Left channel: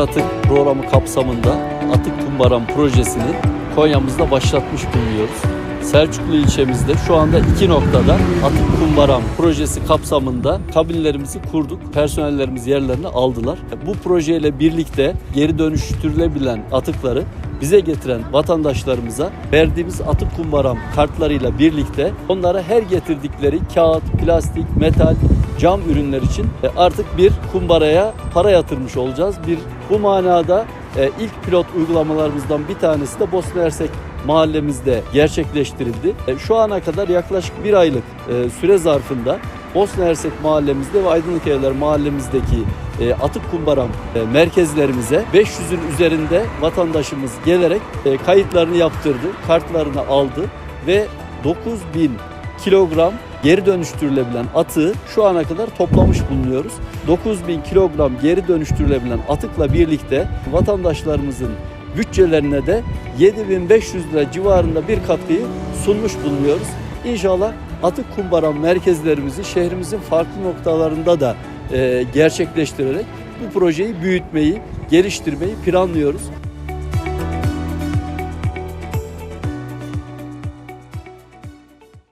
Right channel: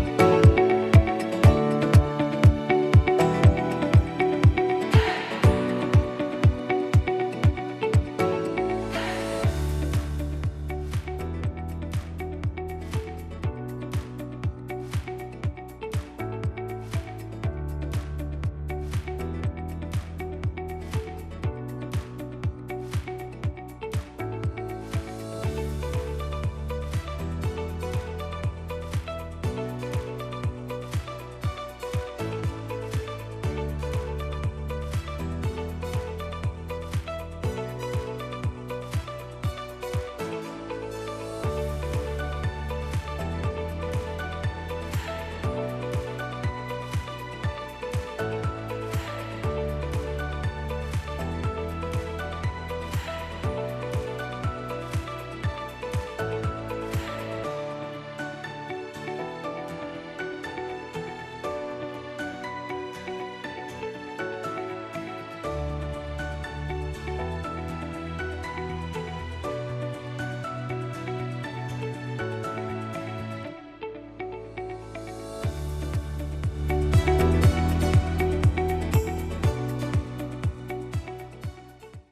Atık programı kapsamında Atık Kumbaran projesini Konya'mızda başlatmış bulunuyoruz. Selçuklu ilçemizde şu anda iki noktada Atık Kumbaran projesi kapsamında kabinlerimizi kurduk. Personellerimiz yerlerini aldılar. Bu projeyle birlikte geri dönüştürülebilen atıkları bize getiren vatandaşlarımıza verdiğimiz atık kumbaram kartlarıyla birlikte onlara her getirdikleri kağıt, plastik, metal, cam ürünler için e, artık bir kumbaraya para yatırmış olacağız. Bir bu manada e, ilk pilot uygulamalarımızdan bir tanesi de Bosna Hersek mahallemizde gerçekleştirildi. E, Şu ana kadar yaklaşık bir aylık süre zarfında Bosna Hersek mahallemizde ve Aydınlık Evler mahallemizdeki e, atık kumbaram e, merkezlerimize 500'ün üzerinde vatandaşımız gelerek e, kayıtlarını yaptırdı, kartlarını aldı ve 9000 kilogram geri dönüştürülebilen atığı şu ana kadar toplamış bulunuyoruz. 9000 kilogram geri dönüştürülebilen atıkla birlikte vatandaşlarımızın bütçelerine de 7500 lira civarında bir katkıyı sunmuş bulunuyoruz. İnşallah atık kumbaram merkezlerimizi şehrimizin farklı noktalarında da e, gerçekleştirerek bu projeyi büyütmeyi, geliştirmeyi planlıyoruz.